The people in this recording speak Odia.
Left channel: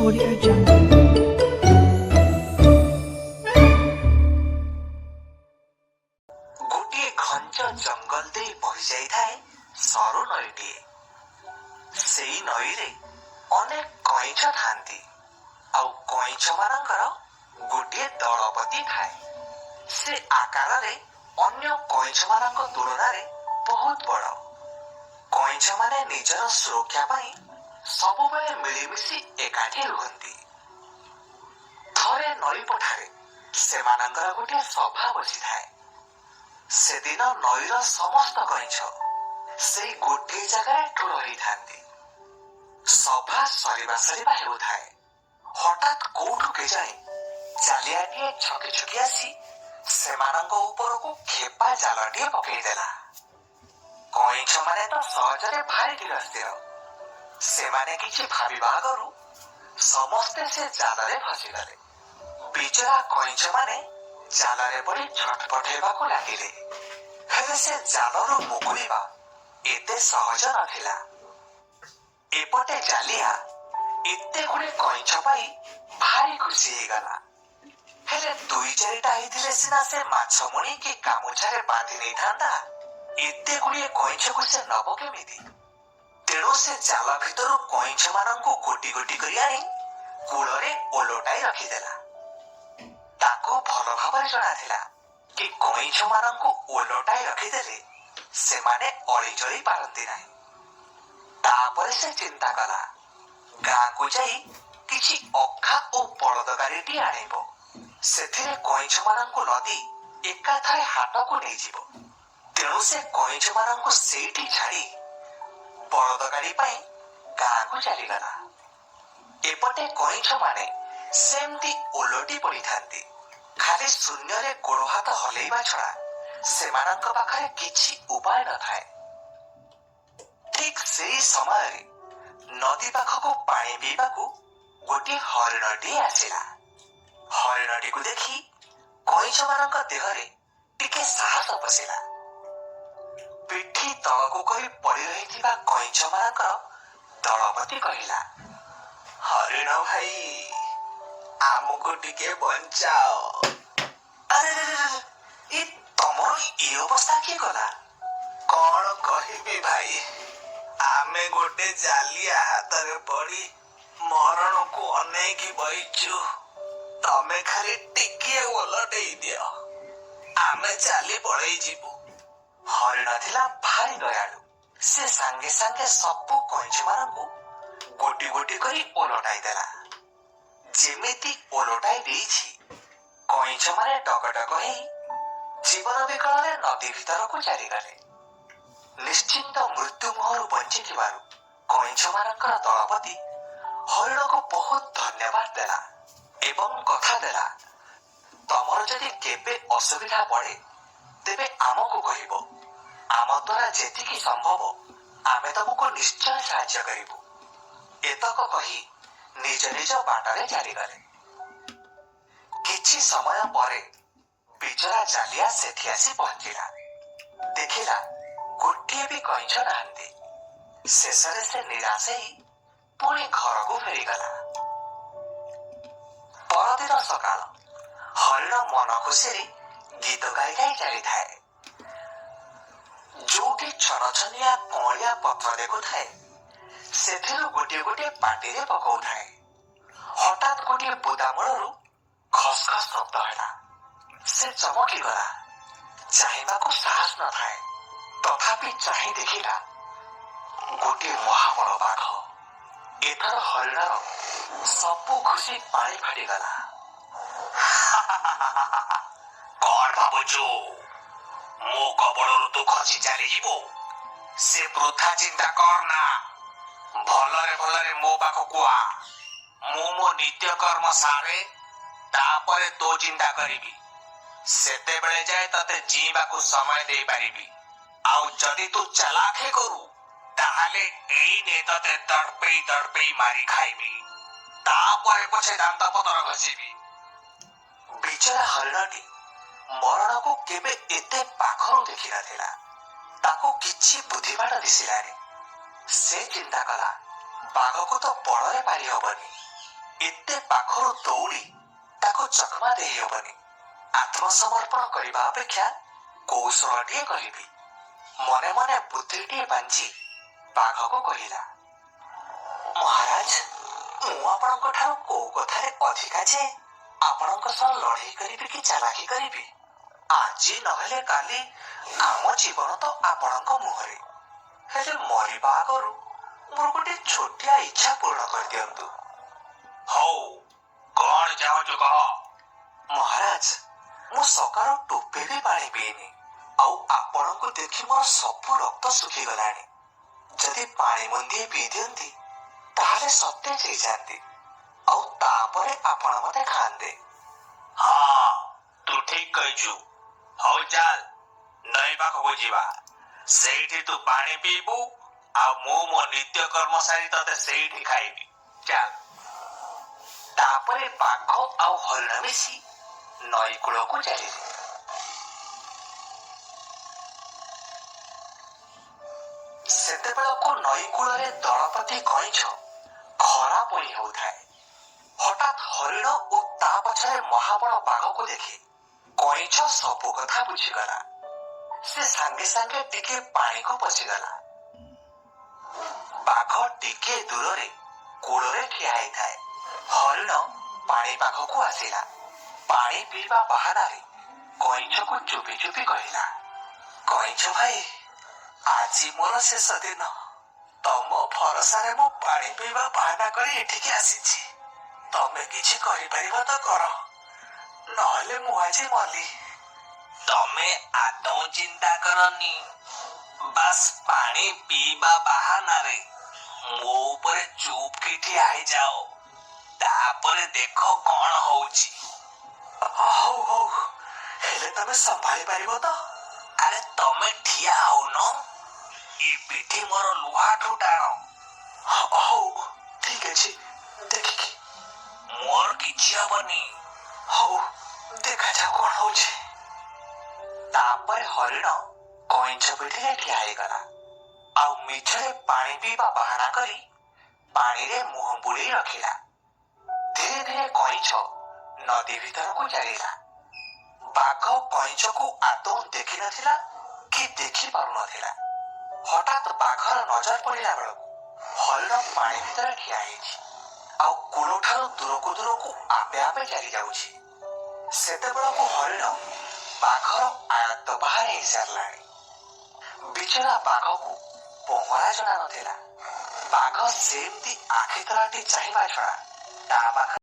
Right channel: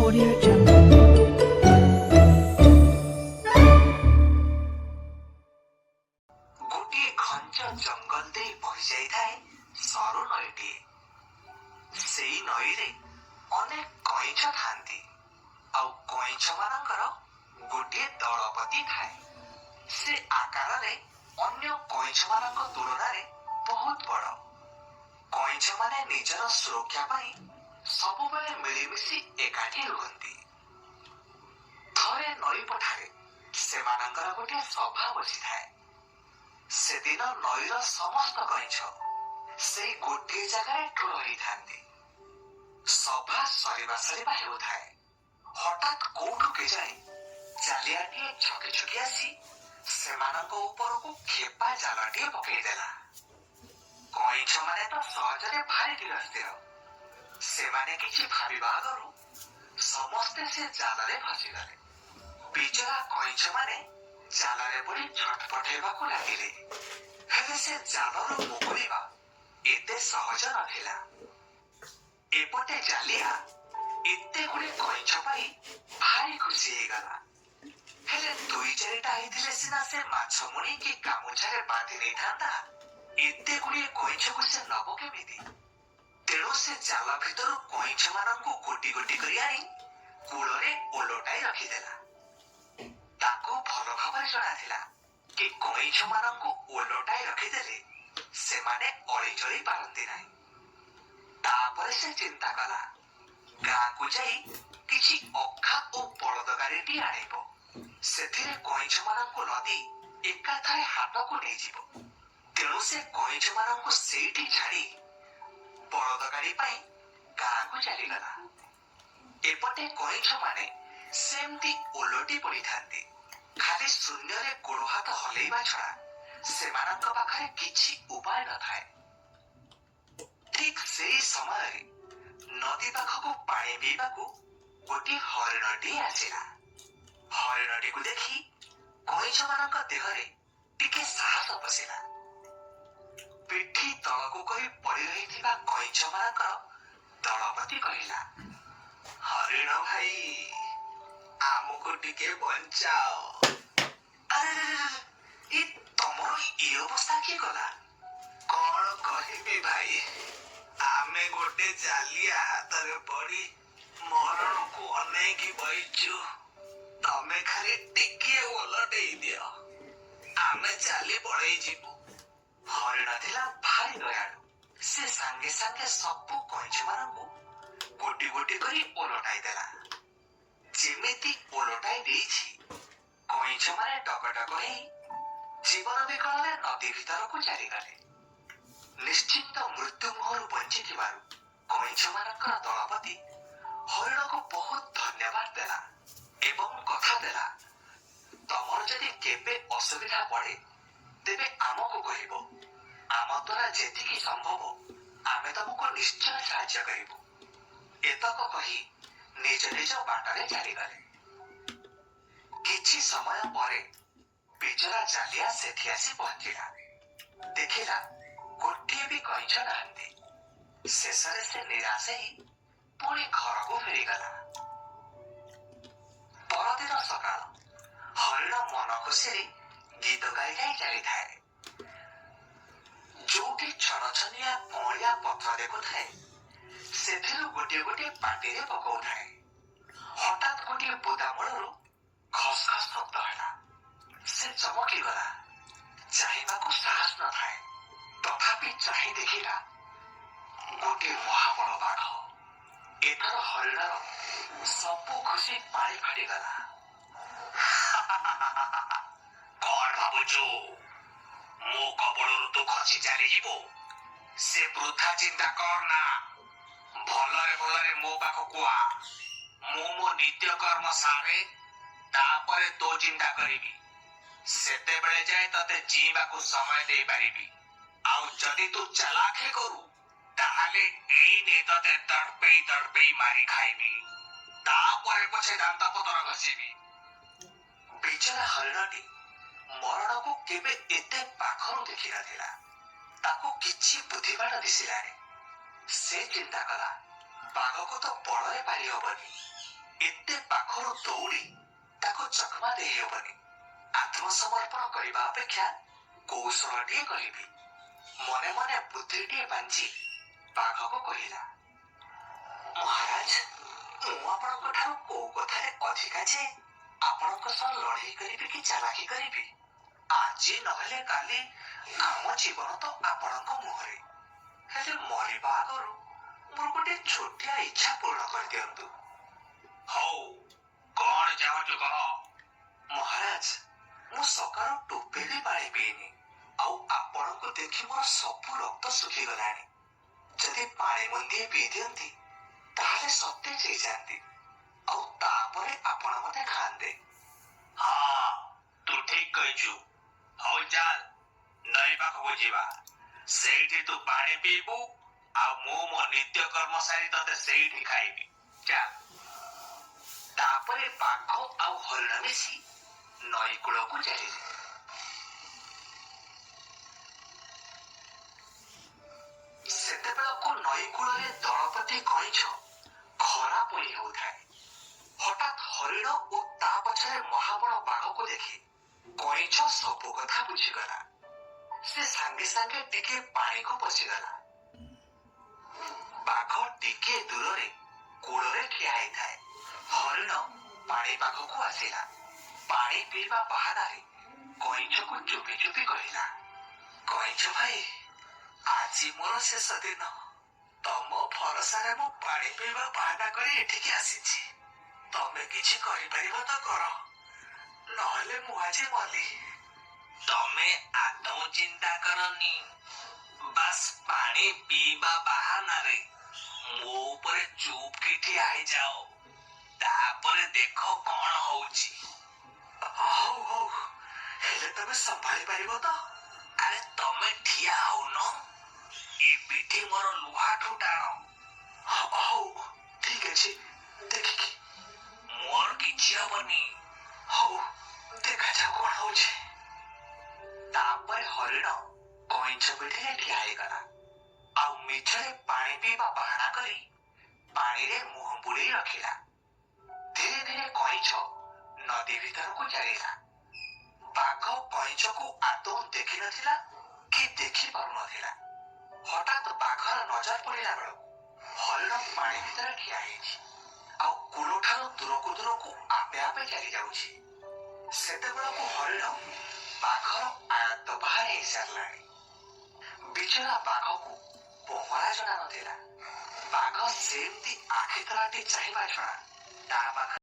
Audio Jungle. ଗୋଟିଏ ଘଞ୍ଚ ଜଙ୍ଗଲ ଦେଇ ବହି ଯାଇଥାଏ ସରୁ ନଈଟିଏ। ସେଇ ନଈରେ ଅନେକ କଇଁଛ ଥାନ୍ତି, ଆଉ କଇଁଛ ମାନଙ୍କର ଗୋଟିଏ ଦଳପତି ଥାଏ। ସେ ଆକାରରେ ଅନ୍ୟ କଇଁଛ ମାନଙ୍କ ତୁଳନାରେ ବହୁତ ବଡ଼। କଇଁଛ ମାନେ ନିଜର ସୁରକ୍ଷା ପାଇଁ ସବୁବେଳେ ମିଳିମିଶି ଏକାଠି ରୁହନ୍ତି। ଥରେ ନଈ ପଠାରେ ସେମାନଙ୍କର ଗୋଟିଏ ସଭା ବସିଥାଏ। ସେଦିନ ନଈର ସମସ୍ତ କଇଁଛ ସେଇ ଗୋଟିଏ ଜାଗାରେ ଠୁଳ ହେଇଥାନ୍ତି। ସଭା ସରିବା ହେଉଥାଏ। ହଠାତ୍ କୋଉଠୁ କେଜାଣି ଚାଲିଆଟିଏ ଛକି ଛକି ଆସି ସେମାନଙ୍କ ଉପରକୁ ଖେପା ଜାଲଟିଏ ପକେଇଦେଲା। କଇଁଛ ମାନେ ତ ସହଜରେ ଭାରି ଧୀରସ୍ଥିର। ସେମାନେ କିଛି ଭାବିବା ଆଗରୁ ସମସ୍ତେ ସେ ଜାଲରେ ଫସିଗଲେ। ବିଚରା କଇଁଛ ମାନେ ଜାଲରେ ପଡ଼ି ଛଟପଟ ହେବାକୁ ଲାଗିଲେ। ହେଲେ ସେ ଜାଲରୁ ମୁକୁଳିବା ଏତେ ସହଜ ନଥିଲା। ଏପଟେ ଜାଲିଆ ଏତେ ଗୁଡେ କଇଁଛ ପାଇ ଭାରି ଖୁସି ହେଇଗଲା। ହେଲେ ଦୁଇ ଚାରିଟା ହେଇଥିଲେ ସିନା ସେ ମାଛ ମୁଣି କି ଗାମୁଛାରେ ବାନ୍ଧି ନେଇଥାନ୍ତା। ଏତେ ଗୁଡିଏ କଇଁଛକୁ ସେ ନବ କେମିତି? ତେଣୁ ସେ ଜାଲ ଭିତରୁ କଇଁଛ ମାନଙ୍କୁ ଗୋଟି ଗୋଟି କରି ଆଣି କୂଳରେ ଓଲଟାଇ ରଖିଦେଲା। ତାକୁ ଭଲ ଭାବରେ ଜଣାଥିଲା କି କଇଁଛ ମାନଙ୍କୁ ଓଲଟାଇ ରଖିଦେଲେ ସେମାନେ ଅଳିଚଳି ପାରନ୍ତି ନାହିଁ। ତାପରେ ସେ ଚିନ୍ତା କଲା, ଗାଁକୁ ଯାଇ କିଛି ଅଖା ଓ ବଳଦ ଗାଡ଼ିଟିଏ ଆଣିବ। ସେଥିରେ କଇଁଛ ମାନଙ୍କୁ ନଦି ଏକାଥରେ ହାଟକୁ ନେଇଯିବ। ତେଣୁ ସେ କଇଁଛ ମାନଙ୍କୁ ସେଇଠି ଛାଡ଼ି ବଳଦ ଗାଡ଼ି ପାଇଁ ଗାଁକୁ ଚାଲିଗଲା। ଏପଟେ କଇଁଛ ମାନେ ସେମିତି ଓଲଟି ପଡ଼ିଥାନ୍ତି। ଖାଲି ଶୂନ୍ୟରେ ଗୋଡ଼ ହାତ ହଲେଇବା ଛଡ଼ା ସେମାନଙ୍କ ପାଖରେ କିଛି ଉପାୟ ନଥାଏ। ଠିକ୍ ସେଇ ସମୟରେ ନଦୀ ପାଖକୁ ପାଣି ପିଇବାକୁ ଗୋଟିଏ ହରିଣଟିଏ ଆସିଲା। ହରିଣଟିକୁ ଦେଖି କଇଁଛ ମାନଙ୍କ ଦେହରେ ଟିକେ ସାହସ ପଶିଲା। ପିଠି ତଳକୁ କରି ପଡ଼ି ରହିଥିବା କଇଁଛ ମାନଙ୍କର ଦଳପତି କହିଲା, ହରିଣ ଭାଇ, ଆମକୁ ଟିକେ ବଞ୍ଚାଅ। ଆରେ ଏ ତମର ଏ ଅବସ୍ଥା କିଏ କଲା? କଣ କହିବି ଭାଇ, ଆମେ ଗୋଟେ ଜାଲିଆ ହାତରେ ପଡ଼ି ମରଣକୁ ଅନେଇକି ବଇଛୁ। ତମେ ଖାଲି ଟିକିଏ ଓଲଟେଇ ଦିଅ, ଆମେ ଚାଲି ପଳେଇ ଯିବୁ। ହରିଣ ଥିଲା ଭାରି ଦୟାଳୁ। ସେ ସାଙ୍ଗେ ସାଙ୍ଗେ ସବୁ କଇଁଛ ମାନଙ୍କୁ ଗୋଟି ଗୋଟି କରି ଓଲଟାଇ ଦେଲା। ଯେମିତି ଓଲଟାଇ ଦେଇଛି, କଇଁଛ ମାନେ ଡଗଡଗ ହେଇ ଜୀବନ ବିକଳରେ ନଦୀ ଭିତରକୁ ଚାଲିଗଲେ। ନିଶ୍ଚିନ୍ତ ମୃତ୍ୟୁ ମୁହଁରୁ ବଞ୍ଚିଥିବାରୁ କଇଁଛ ମାନଙ୍କର ଦଳପତି ହରିଣକୁ ବହୁତ ଧନ୍ୟବାଦ ଦେଲା ଏବଂ କଥା ଦେଲା, ତମର ଯଦି କେବେ ଅସୁବିଧା ପଡ଼େ ତେବେ ଆମକୁ କହିବ। ଆମ ଦ୍ୱାରା ଯେତିକି ସମ୍ଭବ ଆମେ ତମକୁ ନିଶ୍ଚୟ ସାହାଯ୍ୟ କରିବୁ। ଏତକ କହି ନିଜ ନିଜ ବାଟରେ ଚାଲିଗଲେ। କିଛି ସମୟ ପରେ ବିଚରା ଜାଲିଆ ସେଠି ଆସି ପହଞ୍ଚିଲା। ଦେଖିଲା ଗୋଟିଏ ବି କଇଁଛ ନାହାନ୍ତି। ଶେଷରେ ସେ ନିରାଶ ହେଇ ପୁଣି ଘରକୁ ଫେରିଗଲା। ପରଦିନ ସକାଳ ହରିଣ ମନ ଖୁସିରେ ଗୀତ ଗାଇ ଗାଇ ଚାଲିଥାଏ। ଯୋଉଠି ଛନଛନିଆ କଅଁଳିଆ ପତ୍ର ଦେଖୁଥାଏ, ସେଥିରୁ ଗୋଟିଏ ଗୋଟିଏ ପାଟିରେ ପକଉଥାଏ। ହଠାତ୍ ଗୋଟିଏ ବୁଦାମୂଳରୁ ଖସ୍ ଖସ୍ ଶବ୍ଦ ହେଲା। ସେ ଚମକିଗଲା। ଚାହିଁବାକୁ ସାହସ ନଥାଏ, ତଥାପି ଚାହିଁ ଦେଖିଲା ଗୋଟିଏ ମହାବଳ ବାଘ। ଏଥର ହରିଣର ସବୁ ଖୁସି ପାଣି ଫାଟିଗଲା। କଣ ଭାବୁଛୁ, ମୋ କବଳରୁ ତୁ ଖସି ଚାଲିଯିବୁ? ସେ ବୃଥା ଚିନ୍ତା କରନା। ଭଲରେ ଭଲରେ ମୋ ପାଖକୁ ଆ। ମୁଁ ମୋ ନିତ୍ୟକର୍ମ ସାରେ, ତାପରେ ତୋ ଚିନ୍ତା କରିବି। ସେତେବେଳେ ଯାଏ ତତେ ଜୀଇବାକୁ ସମୟ ଦେଇପାରିବି। ଆଉ ଯଦି ତୁ ଚାଲାଖି କରୁ, ତାହେଲେ ଏଇନେ ତତେ ତଡ଼ପେଇ ତଡ଼ପେଇ ମାରି ଖାଇବି। ତାପରେ ପଛେ ଦାନ୍ତ ପତର ଘଷିବି। ବିଚରା ହରିଣଟି ମରଣକୁ କେବେ ଏତେ ପାଖରୁ ଦେଖିନଥିଲା। ତାକୁ କିଛି ବୁଦ୍ଧିବାଟ ଦିଶିଲାନି। ସେ ଚିନ୍ତା କଲା, ବାଘକୁ ତ ବଳରେ ପାରି ହବନି, ଏତେ ପାଖରୁ ଦୌଡ଼ି ତାକୁ ଚକମା ଦେଇହେବନି। ଆତ୍ମସମର୍ପଣ କରିବା ଅପେକ୍ଷା କୌଶଳଟିଏ କହିବି। ମନେ ମନେ ବୁଦ୍ଧିଟିଏ ବାଞ୍ଚି ବାଘକୁ କହିଲା, ମହାରାଜ, ମୁଁ ଆପଣଙ୍କ ଠାରୁ କୋଉ କଥାରେ ଅଧିକା ଯେ ଆପଣଙ୍କ ସହ ଲଢ଼େଇ କରିବି କି ଚାଲାକି କରିବି? ଆଜି ନହେଲେ କାଲି ଆମ ଜୀବନ ତ ଆପଣଙ୍କ ମୁହଁରେ। ହେଲେ ମରିବା ଆଗରୁ ମୋର ଗୋଟେ ଛୋଟିଆ ଇଚ୍ଛା ପୂରଣ କରିଦିଅନ୍ତୁ। ହଉ, କଣ ଚାହୁଁଛୁ କହ? ମହାରାଜ, ମୁଁ ସକାଳୁ ଟୋପେ ବି ପାଣି ପିଇନି, ଆଉ ଆପଣଙ୍କୁ ଦେଖି ମୋର ସବୁ ରକ୍ତ ଶୁଖିଗଲାଣି। ଯଦି ପାଣି ମୁନ୍ଦିଏ ପିଇ ଦିଅନ୍ତି ତାହେଲେ ସତେଜ ହେଇଯାନ୍ତି, ଆଉ ତାପରେ ଆପଣ ମତେ ଖାଆନ୍ତେ। ହଁ, ତୁ ଠିକ କହିଛୁ। ହଉ ଚାଲ, ନଈ ପାଖକୁ ଯିବା। ସେଇଠି ତୁ ପାଣି ପିଇବୁ, ଆଉ ମୁଁ ମୋ ନିତ୍ୟକର୍ମ ସାରି ତତେ ସେଇଠି ଖାଇବି। ଚାଲ। ତାପରେ ବାଘ ଆଉ ହରିଣ ମିଶି ନଈ କୂଳକୁ ଚାଲିଲେ। ସେତେବେଳକୁ ନଈ କୂଳରେ ଦଳପତି କଇଁଛ ଖରା ପୋଇ ହେଉଥାଏ। ହଠାତ୍ ହରିଣ ଓ ତା ପଛରେ ମହାବଳ ବାଘକୁ ଦେଖି କଇଁଛ ସବୁ କଥା ବୁଝିଗଲା। ସେ ସାଙ୍ଗେ ସାଙ୍ଗେ ଟିକେ ପାଣିକୁ ପଶିଗଲା। ବାଘ ଟିକେ ଦୂରରେ କୂଳରେ ଠିଆ ହେଇଥାଏ। ହରିଣ ପାଣି ପାଖକୁ ଆସିଲା। ପାଣି ପିଇବା ବାହାନାରେ କଇଁଛକୁ ଚୁପି ଚୁପି କହିଲା, କଇଁଛ ଭାଇ, ଆଜି ମୋର ଶେଷ ଦିନ। ତମ ଭରସାରେ ମୁଁ ପାଣି ପିଇବା ବାହାନା କରି ଏଠିକି ଆସିଛି। ତମେ କିଛି କରିପାରିବ ତ କର, ନହେଲେ ମୁଁ ଆଜି ମଲି। ତମେ ଆଦୌ ଚିନ୍ତା କରନି। ବାସ୍ ପାଣି ପିଇବା ବାହାନାରେ ମୋ ଉପରେ ଚୁପ୍ କି ଠିଆ ହେଇଯାଅ, ତାପରେ ଦେଖ କଣ ହଉଛି। ହଉ ହଉ, ହେଲେ ତମେ ସମ୍ଭାଳି ପାରିବ ତ? ଆରେ ତମେ ଠିଆ ହଉନ, ଏ ପିଠି ମୋର ଲୁହାଠୁ ଟାଣ। ହଉ, ଠିକ ଅଛି, ଦେଖିକି। ମୋର କିଛି ହବନି। ହଉ, ଦେଖାଯାଉ କଣ ହଉଛି। ତାପରେ ହରିଣ କଇଁଛ ପିଠିରେ ଠିଆ ହେଇଗଲା, ଆଉ ମିଛରେ ପାଣି ପିଇବା ବାହାନା କରି ପାଣିରେ ମୁହଁ ବୁଡେଇ ରଖିଲା। ଧୀରେ ଧୀରେ କଇଁଛ ନଦୀ ଭିତରକୁ ଚାଲିଲା। ବାଘ କଇଁଛକୁ ଆଦୌ ଦେଖିନଥିଲା କି ଦେଖି ପାରୁନଥିଲା। ହଠାତ୍ ବାଘର ନଜର ପଡ଼ିଲା ବେଳକୁ ହରିଣ ପାଣି ଭିତରେ ଠିଆ ହେଇଛି, ଆଉ କୂଳଠାରୁ ଦୂରକୁ ଦୂରକୁ ଆପେ ଆପେ ଚାଲି ଯାଉଛି। ସେତେବେଳକୁ ହରିଣ ବାଘର ଆୟତ୍ତ ବାହାରେ ହେଇସାରିଲାଣି। ବିଚରା ବାଘକୁ ପହଁରା ଜଣା ନଥିଲା। ବାଘ ସେମିତି ଆଖି ତରାଟି ଚାହିଁବା ଛଡ଼ା ତା ପାଖରେ